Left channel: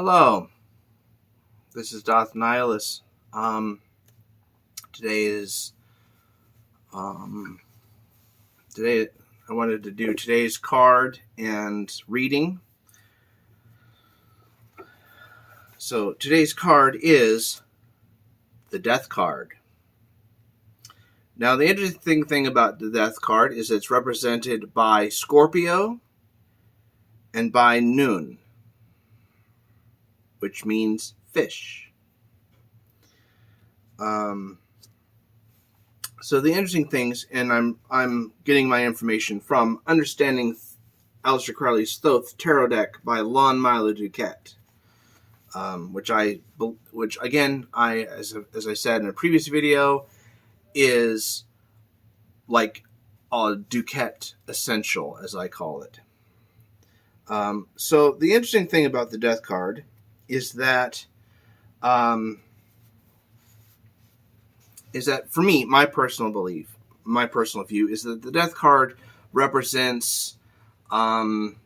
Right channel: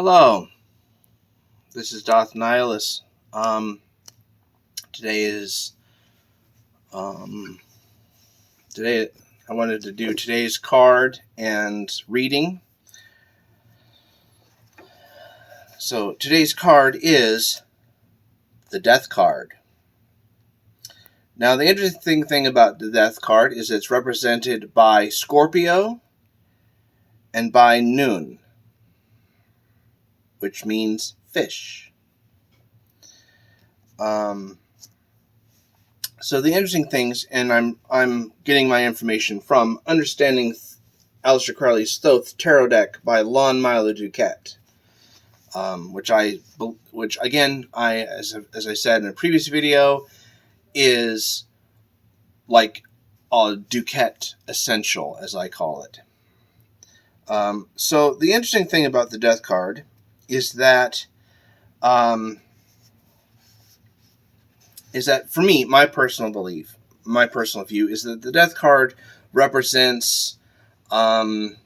Hello, this is Doth Nihilus. Today is today I wanted to do today's card and reading. So today's card is the Death card. Now the interesting thing about the Death card is it's represented by Scorpio and by NUN, which means fish. So the interesting things, and I'm getting my information from Understanding Aleister Crowley's Thoth Tarot Deck by Lon Milo Duquette, which again, as I said in a previous video, is like a Duquette essential, as I call it. So the interesting thing about the Death card is that for me, my personal belief, my personal view is that the Death card represents the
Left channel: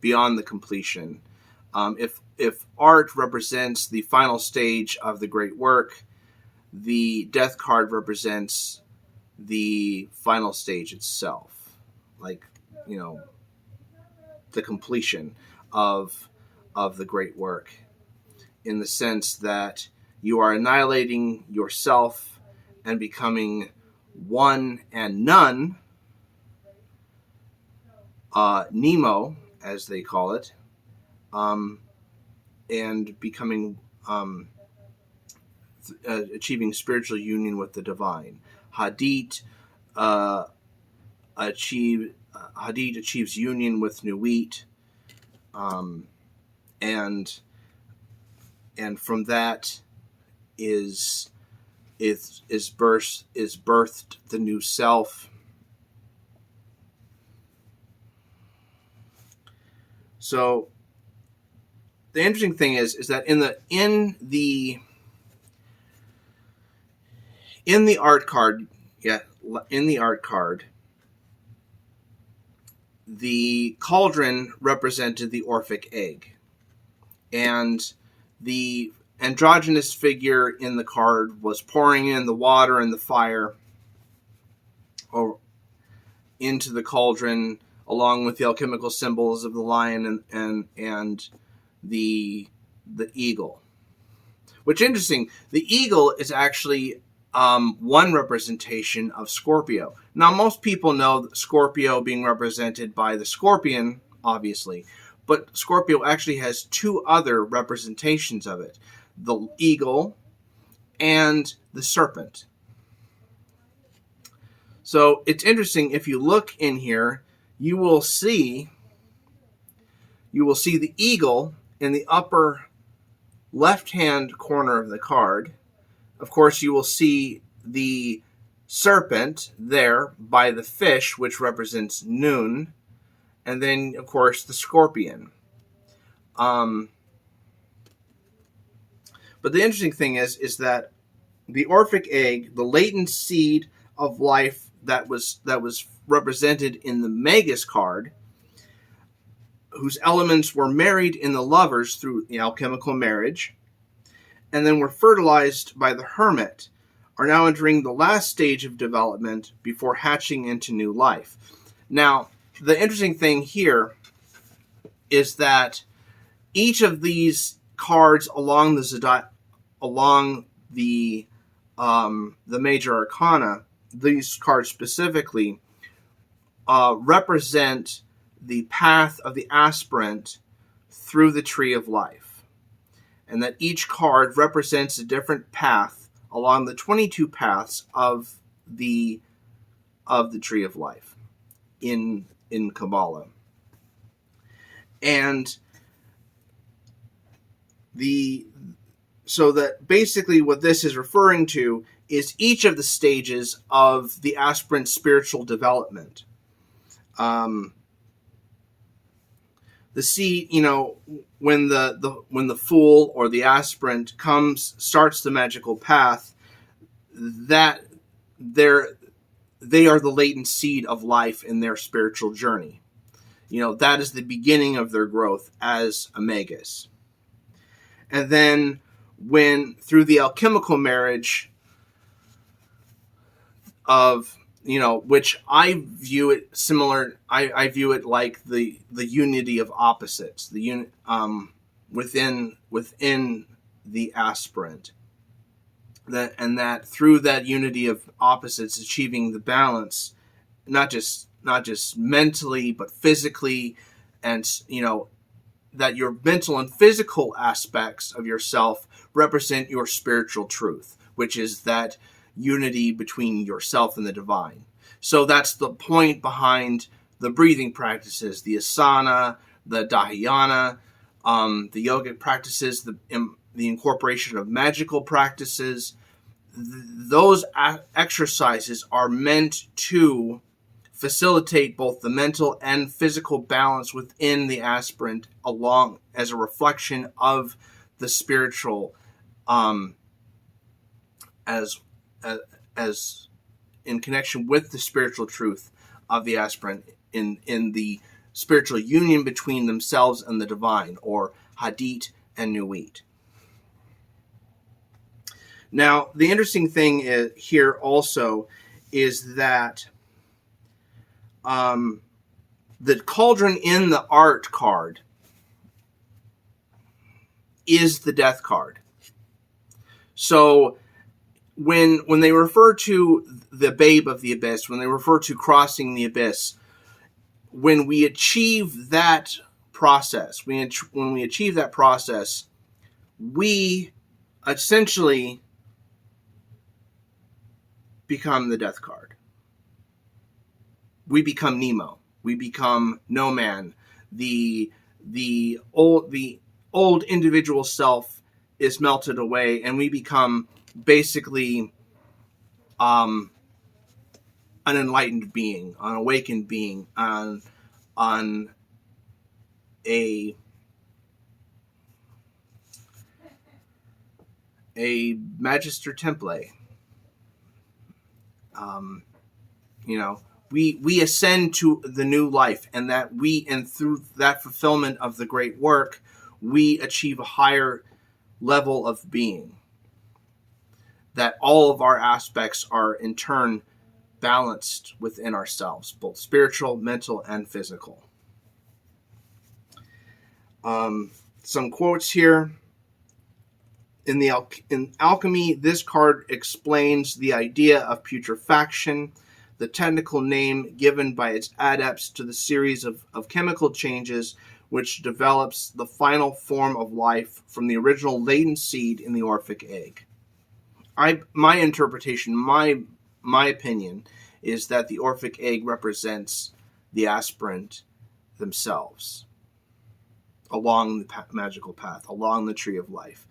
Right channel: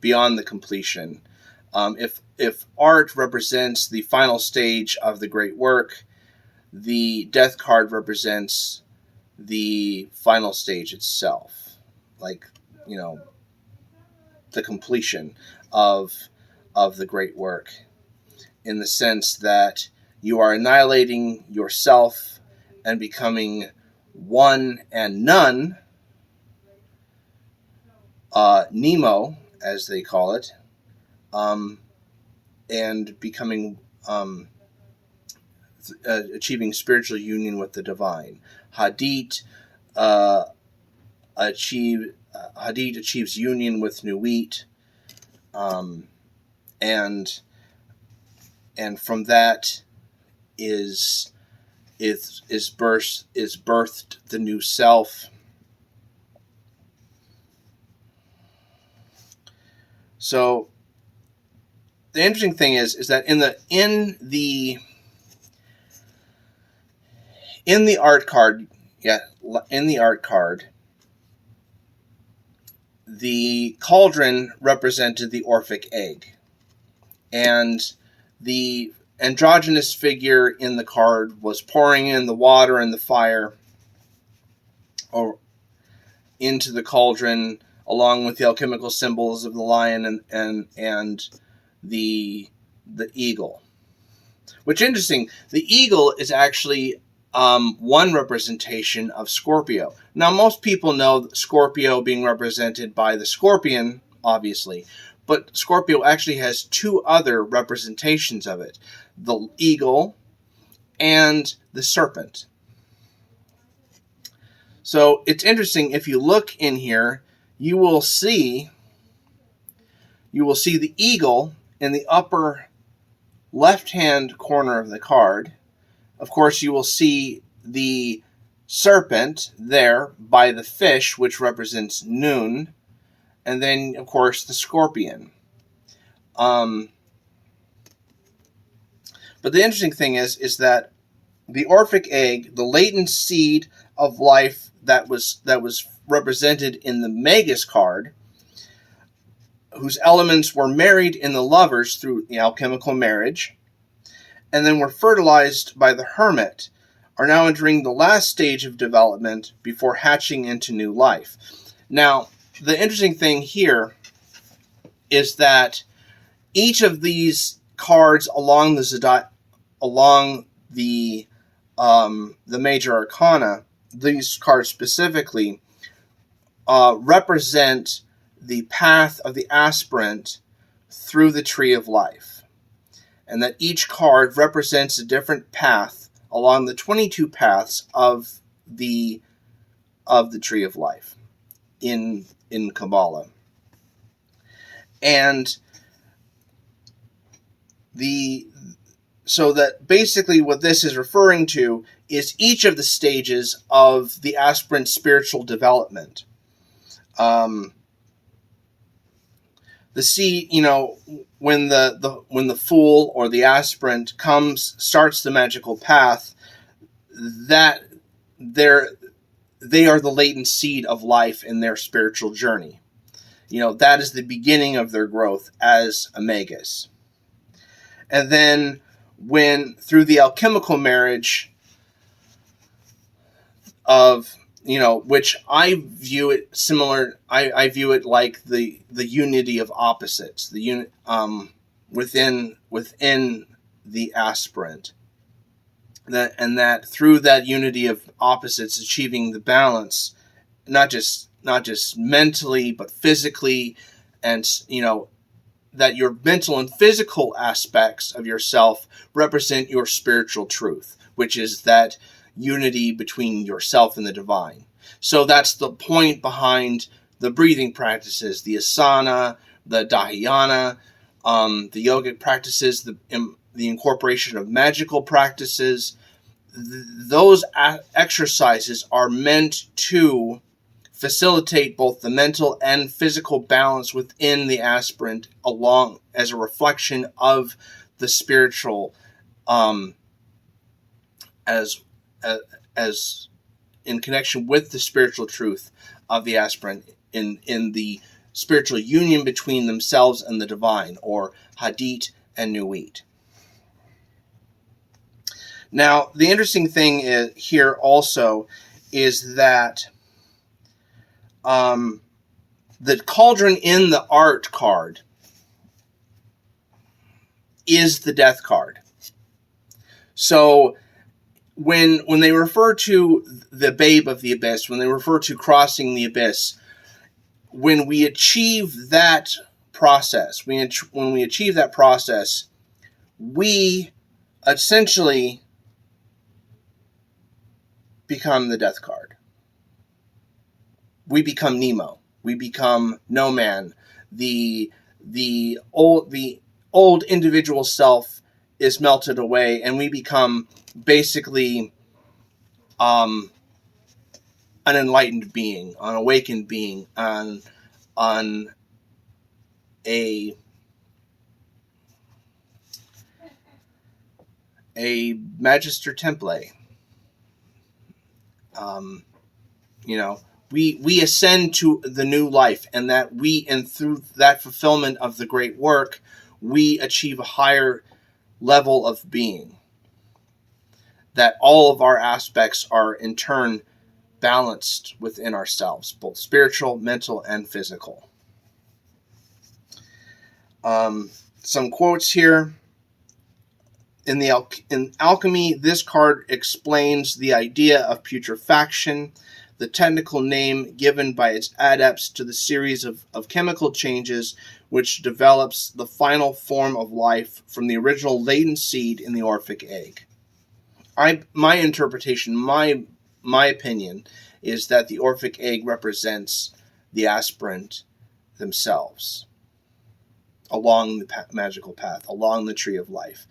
beyond the completion. If art represents the final stage of the great work, the Death card represents the final stage itself, like, the completion of the great work, in the sense that you are annihilating yourself and becoming one and none, Nemo, as they call it, and becoming achieving spiritual union with the divine. Hadith achieves union with Nuit, and from that is birthed the new self. So the interesting thing is that in the art card, the cauldron represented the Orphic egg, and the androgynous figure in the card was pouring in the water and the fire or into the cauldron, along with the alchemical symbols of the lion and the eagle. Which is interesting, the eagle is actually one representation of Scorpio. Now, most people know Scorpio being represented by the scorpion, obviously, but Scorpio actually has two other representations of it: the eagle and the serpent. So it's interesting, if you look in here, you will see the eagle in the upper left-hand corner of the card. Of course, you will see the serpent there by the fish, which represents NUN, and then, of course, the scorpion. But the interesting thing is that the Orphic egg, the latent seed of life that was represented in the Magus card, whose elements were married in the lovers through the alchemical marriage, and then were fertilized by the hermit, are now entering the last stage of development before hatching into new life. Now, the interesting thing here is that each of these cards along the major arcana, these cards specifically, represent the path of the aspirant through the tree of life, and that each card represents a different path along the 22 paths of the tree of life in Kabbalah. And so that basically what this is referring to is each of the stages of the aspirant's spiritual development. The seed, when the fool or the aspirant starts the magical path, that they are the latent seed of life in their spiritual journey. that is the beginning of their growth as omegas. And then when through the alchemical marriage of, which I view it similar, I view it like the unity of opposites, the within the aspirant, that through that unity of opposites achieving the balance, not just mentally but physically, and that your mental and physical aspects of yourself represent your spiritual truth, which is that unity between yourself and the divine. So that's the point behind the breathing practices, the asana, the dhyana, the yogic practices, the incorporation of magical practices. Those exercises are meant to facilitate both the mental and physical balance within the aspirant, along as a reflection of the spiritual, as in connection with the spiritual truth of the aspirant in the spiritual union between themselves and the divine, or Hadit and Nuit. Now, the interesting thing here also is that the cauldron in the art card is the death card. So when they refer to the babe of the abyss, when they refer to crossing the abyss, when we achieve that process, we essentially become the death card. We become Nemo. We become No Man. The old individual self is melted away, and we become basically an enlightened being, an awakened being, on a Magister Temple. We ascend to the new life, and through that fulfillment of the great work, we achieve a higher level of being. That all of our aspects are in turn balanced within ourselves, both spiritual, mental, and physical. Some quotes here. In alchemy, this card explains the idea of putrefaction, the technical name given by its adepts to the series of chemical changes which develops the final form of life from the original latent seed in the Orphic egg. My interpretation, my opinion, is that the Orphic egg represents the aspirant themselves along the magical path, along the tree of life.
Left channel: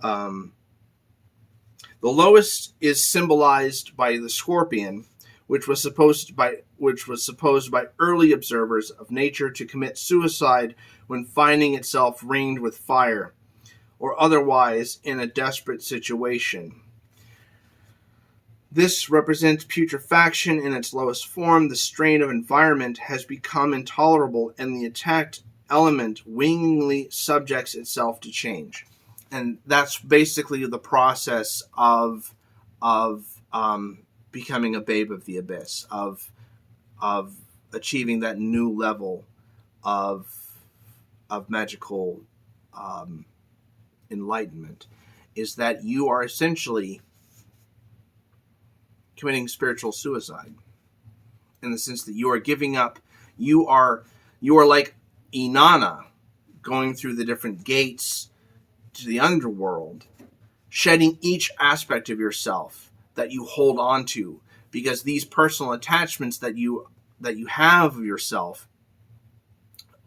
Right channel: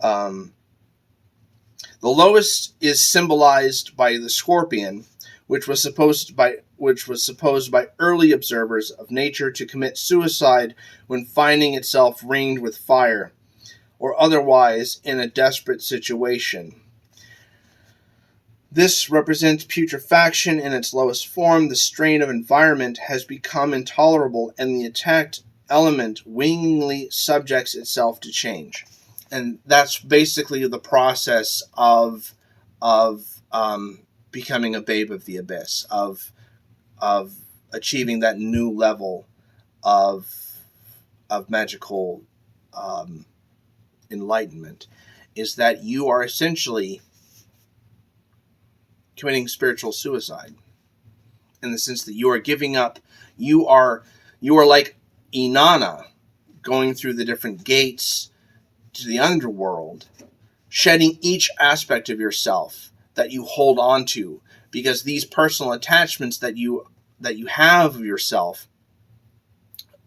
The lowest is symbolized by the scorpion, which was supposed by early observers of nature to commit suicide when finding itself ringed with fire, or otherwise in a desperate situation. This represents putrefaction in its lowest form. The strain of environment has become intolerable, and the attacked element willingly subjects itself to change. And that's basically the process of becoming a babe of the abyss, of achieving that new level of magical enlightenment, is that you are essentially committing spiritual suicide, in the sense that you are giving up. You are like Inanna, going through the different gates to the underworld, shedding each aspect of yourself that you hold on to, because these personal attachments that you have of yourself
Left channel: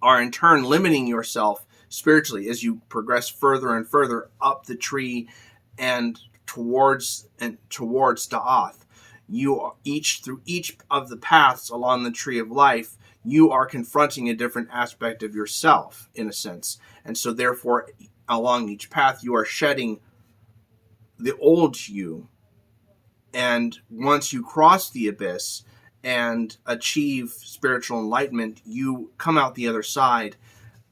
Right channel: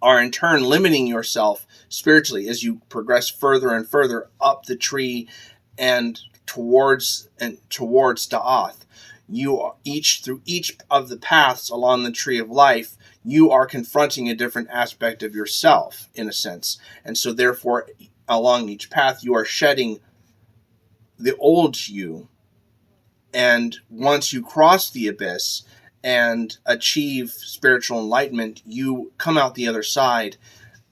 are in turn limiting yourself spiritually as you progress further and further up the tree and towards Da'ath. Through each of the paths along the tree of life, you are confronting a different aspect of yourself, in a sense. And so therefore, along each path, you are shedding the old you. And once you cross the abyss and achieve spiritual enlightenment, you come out the other side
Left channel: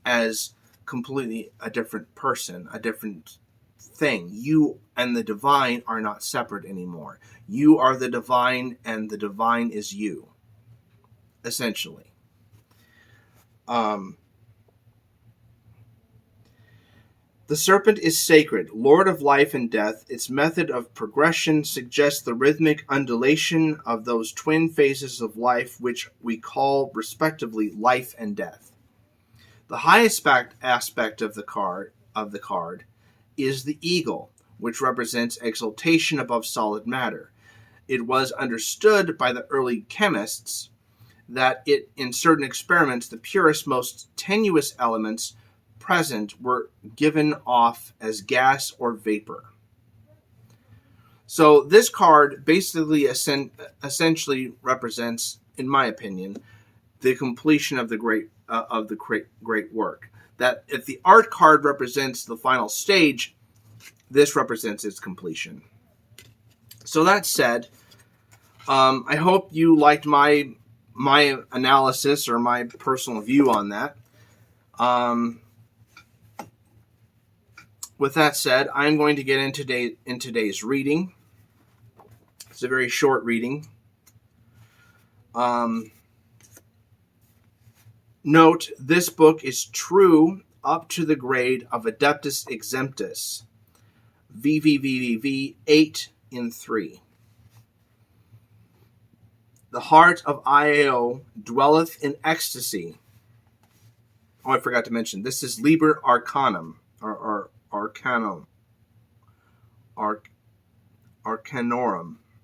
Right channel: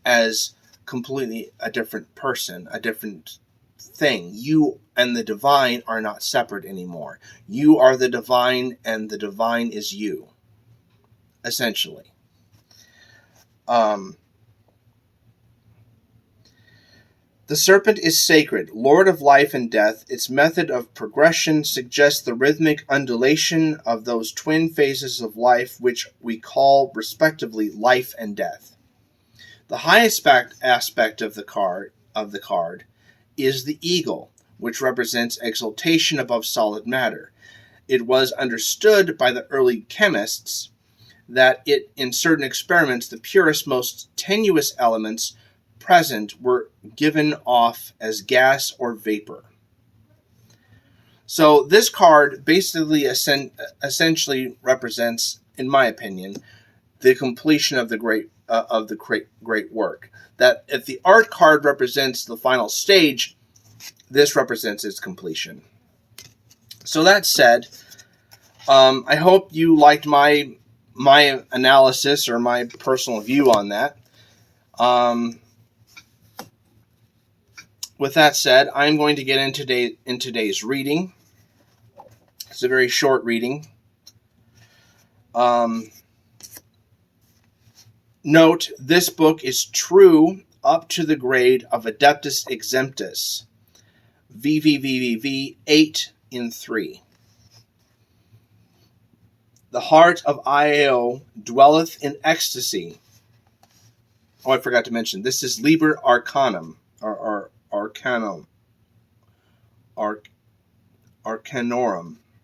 as completely a different person, a different thing. You and the divine are not separate anymore. You are the divine, and the divine is you, essentially. The serpent is sacred, lord of life and death. Its method of progression suggests the rhythmic undulation of those twin phases of life which we call, respectively, life and death. The highest aspect of the card is the eagle, which represents exaltation above solid matter. It was understood by the early chemists that in certain experiments, the purest, most tenuous elements present were given off as gas or vapor. So this card basically essentially represents, in my opinion, the completion of the great work. That if the art card represents the final stage, this represents its completion. So that said, I hope you liked my analysis or my personal view on that. With that said, I'm going to get in today's reading. It's a very short reading. Note, this book is true up to the grade of Adeptus Exemptus, VVVVV 8 in 3. The heart of Io dwelleth in ecstasy. Oh, I forgot to mention, this is Liber Arcanum, or Arcanorum.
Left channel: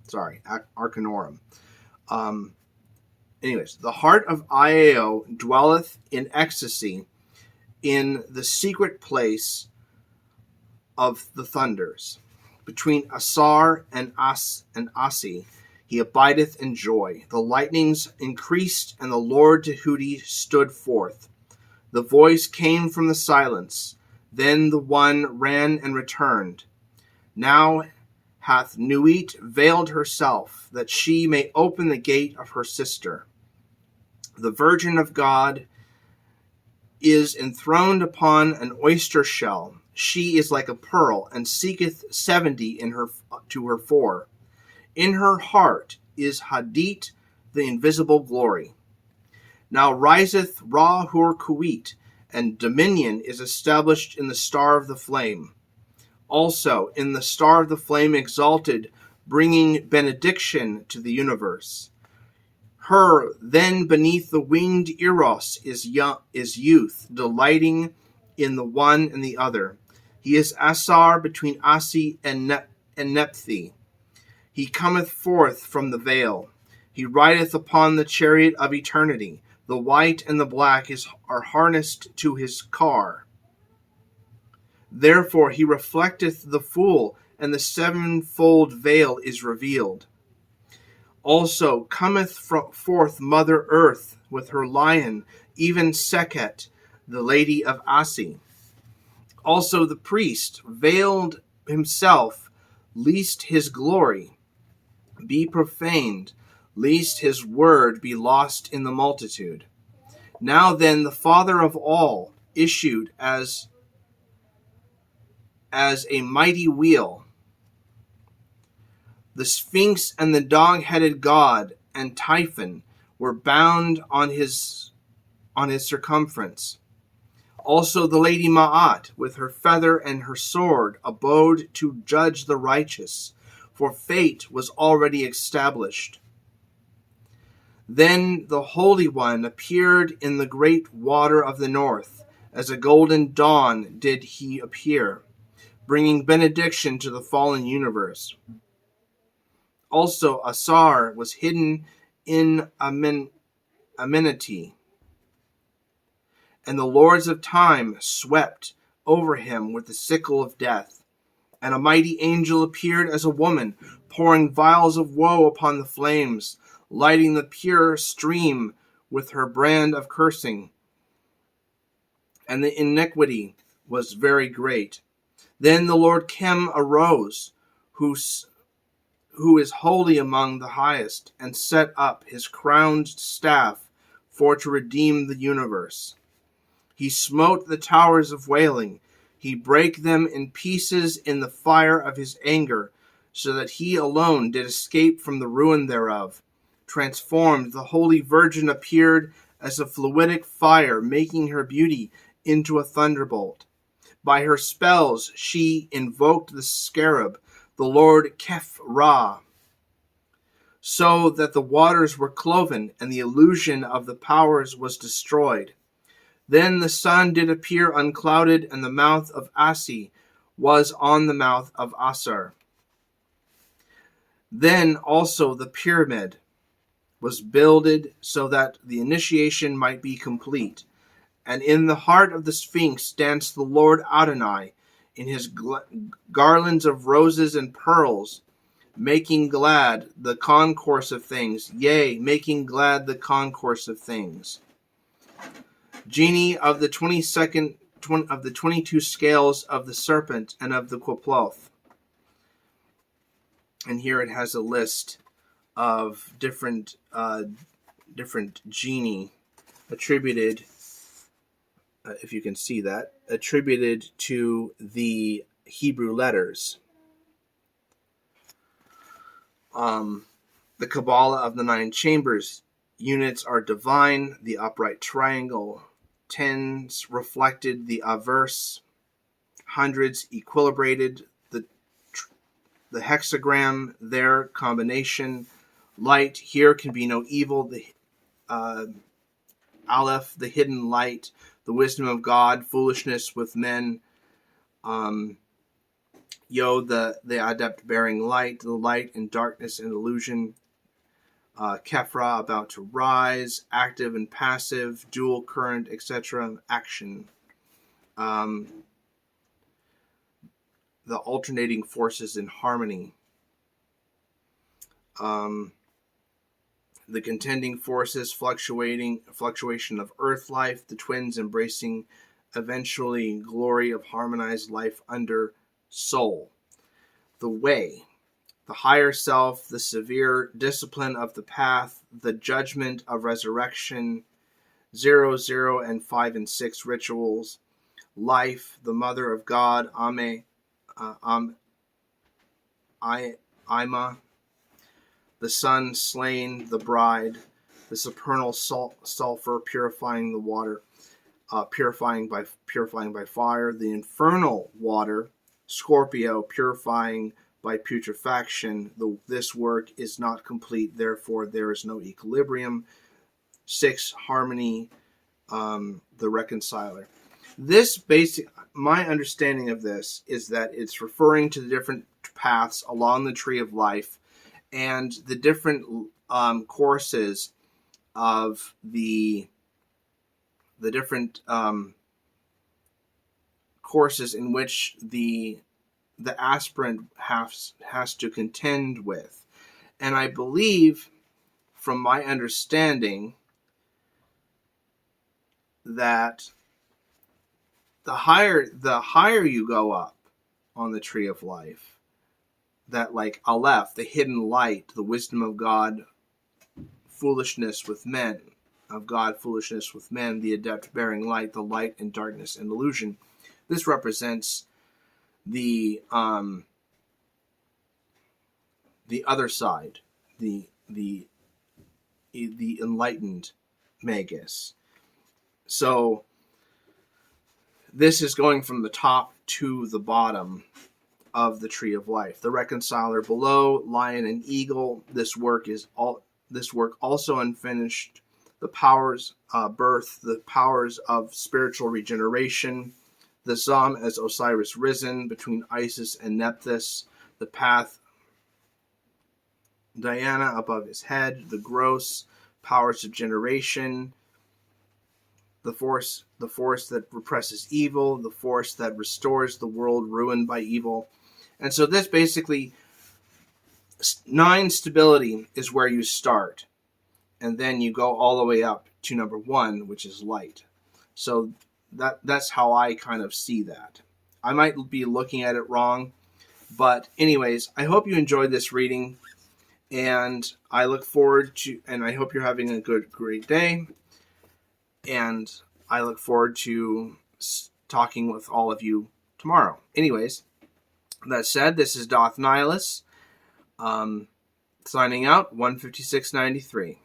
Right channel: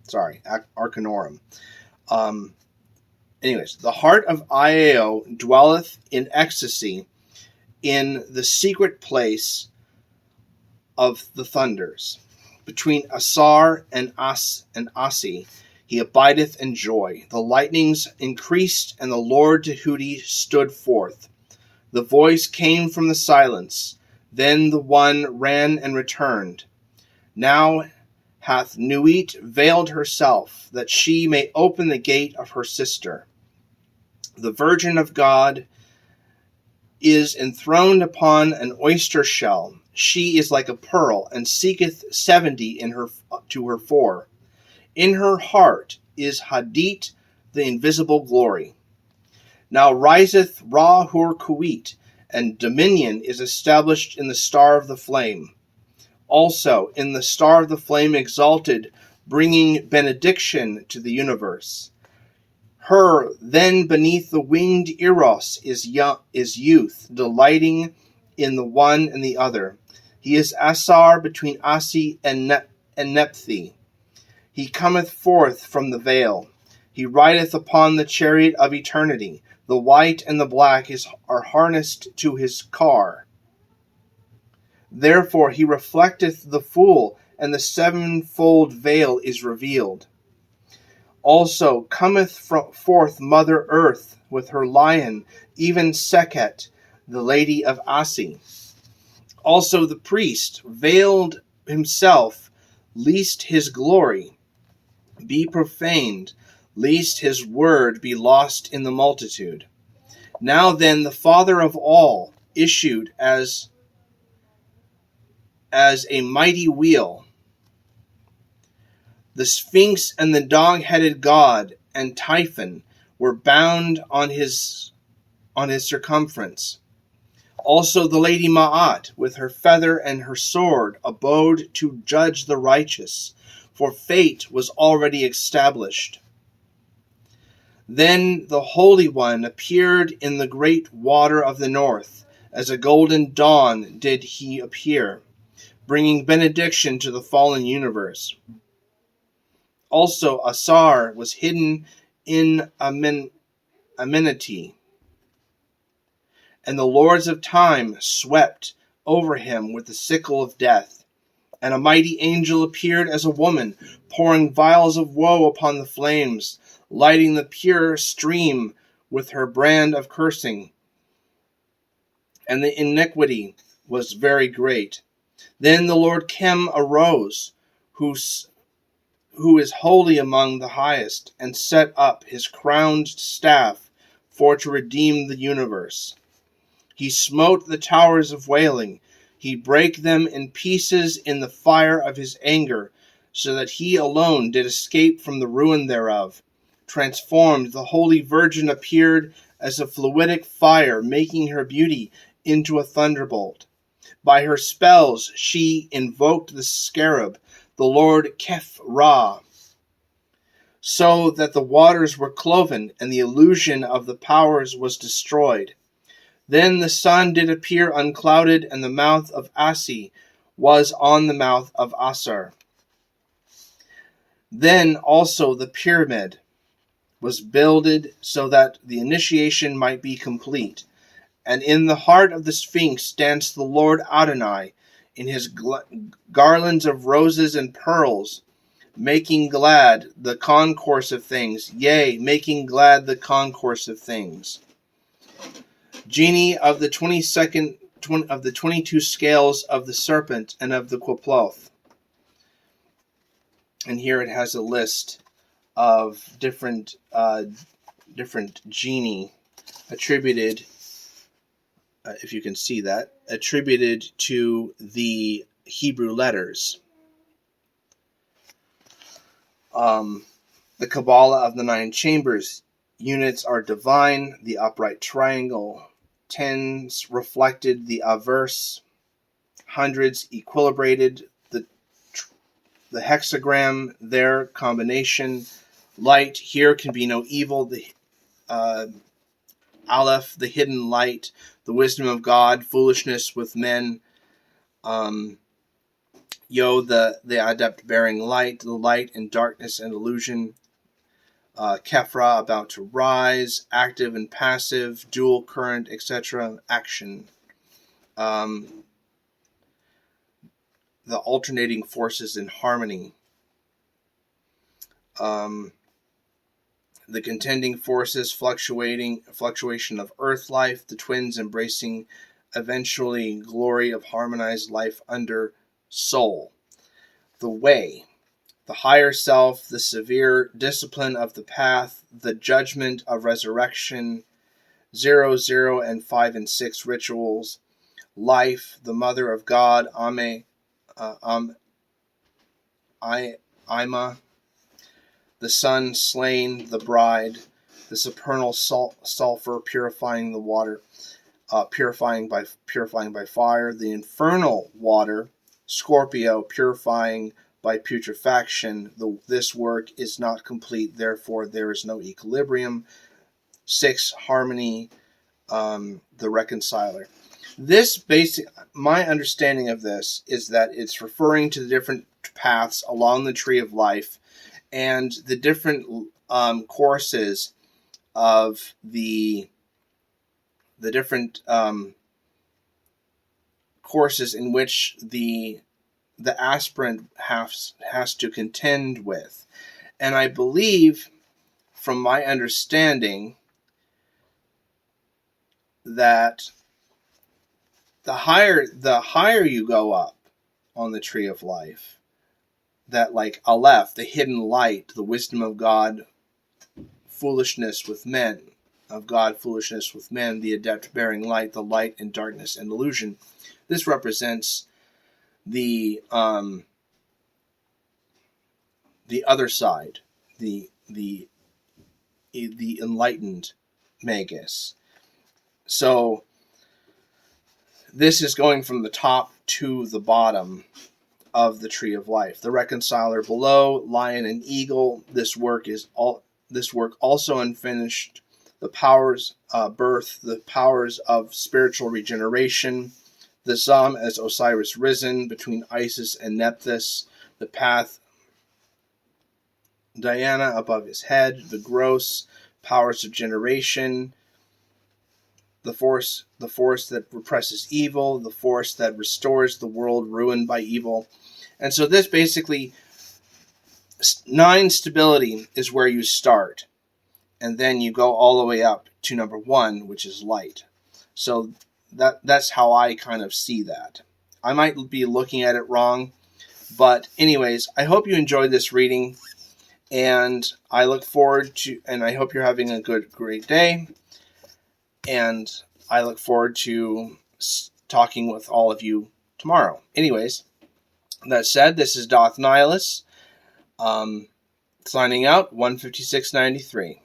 Sorry, Arcanorum. Anyways, the heart of Io dwelleth in ecstasy in the secret place of the thunders. Between Asar and Asi, he abideth in joy. The lightnings increased, and the Lord Tahuti stood forth. The voice came from the silence. Then the one ran and returned. Now hath Nuit veiled herself, that she may open the gate of her sister. The Virgin of God is enthroned upon an oyster shell. She is like a pearl, and seeketh 70 to her 4. In her heart is Hadit, the invisible glory. Now riseth Ra-Hur-Kuit, and dominion is established in the star of the flame. Also in the star of the flame exalted, bringing benediction to the universe. Her then beneath the winged Eros is youth, delighting in the one and the other. He is Asar between Asi and Nephi. He cometh forth from the veil. He rideth upon the chariot of eternity. The white and the black are harnessed to his car. Therefore he reflecteth the fool, and the sevenfold veil is revealed. Also cometh forth Mother Earth with her lion, even Sekhet, the lady of Asi. Also the priest veiled himself, lest his glory be profaned, lest his word be lost in the multitude. Now then the Father of all issued as a mighty wheel. The Sphinx and the dog-headed god and Typhon were bound on his circumference. Also the Lady Ma'at, with her feather and her sword, abode to judge the righteous, for fate was already established. Then the Holy One appeared in the great water of the north. As a golden dawn did he appear, bringing benediction to the fallen universe. Also Asar was hidden in amenity, and the lords of time swept over him with the sickle of death. And a mighty angel appeared as a woman, pouring vials of woe upon the flames, lighting the pure stream with her brand of cursing. And the iniquity was very great. Then the Lord Chem arose, who who is holy among the highest, and set up his crowned staff for to redeem the universe. He smote the towers of wailing. He brake them in pieces in the fire of his anger, so that he alone did escape from the ruin thereof. Transformed, the Holy Virgin appeared as a fluidic fire, making her beauty into a thunderbolt. By her spells she invoked the scarab, the Lord Kef-Ra, so that the waters were cloven, and the illusion of the powers was destroyed. Then the sun did appear unclouded, and the mouth of Asi was on the mouth of Asar. Then also the pyramid was builded so that the initiation might be complete. And in the heart of the Sphinx danced the Lord Adonai in his garlands of roses and pearls, making glad the concourse of things, yea, making glad the concourse of things. Genie of the 22 scales of the serpent and of the Quploth. And here it has a list of different genie attributed, if you can see that, attributed to the Hebrew letters. The Kabbalah of the 9 chambers. Units are divine, the upright triangle. Tens reflected the averse. Hundreds equilibrated the hexagram, their combination. Light, here can be no evil. The Aleph, the hidden light. The wisdom of God, foolishness with men. Yod, the adept bearing light, the light and darkness and illusion. Kefra, about to rise, active and passive, dual current, etc. Action. The alternating forces in harmony. The contending forces, fluctuation of earth life, the twins embracing eventually glory of harmonized life under soul. The way, the higher self, the severe discipline of the path, the judgment of resurrection, 0, 0, and 5 and 6 rituals. Life, the mother of God, Ima, the son slain, the bride, the supernal sulfur purifying the water, purifying by fire, the infernal water, Scorpio purifying by putrefaction. This work is not complete, therefore there is no equilibrium. 6, harmony, the reconciler. This my understanding of this is that it's referring to the different paths along the tree of life and the different courses of the different courses in which the aspirant has to contend with. And I believe, from my understanding, that the higher you go up on the tree of life, that like Aleph, the hidden light, the wisdom of God, foolishness with men, of God, foolishness with men, the adept bearing light, the light and darkness and illusion. This represents the other side, the enlightened magus. So this is going from the top to the bottom of the tree of life. The reconciler below, lion and eagle. This work also unfinished. The powers birth, the powers of spiritual regeneration. The Zam as Osiris risen between Isis and Nephthys. The path, Diana above his head. The gross powers of generation. The force that represses evil, the force that restores the world ruined by evil. And so this basically, 9 stability is where you start. And then you go all the way up to number 1, which is light. So that's how I kind of see that. I might be looking at it wrong, But anyways, I hope you enjoyed this reading, and I look forward to, and I hope you're having a great day, and I look forward to talking with all of you tomorrow. Anyways, that said, this is Doth Nihilus, signing out, 156.93.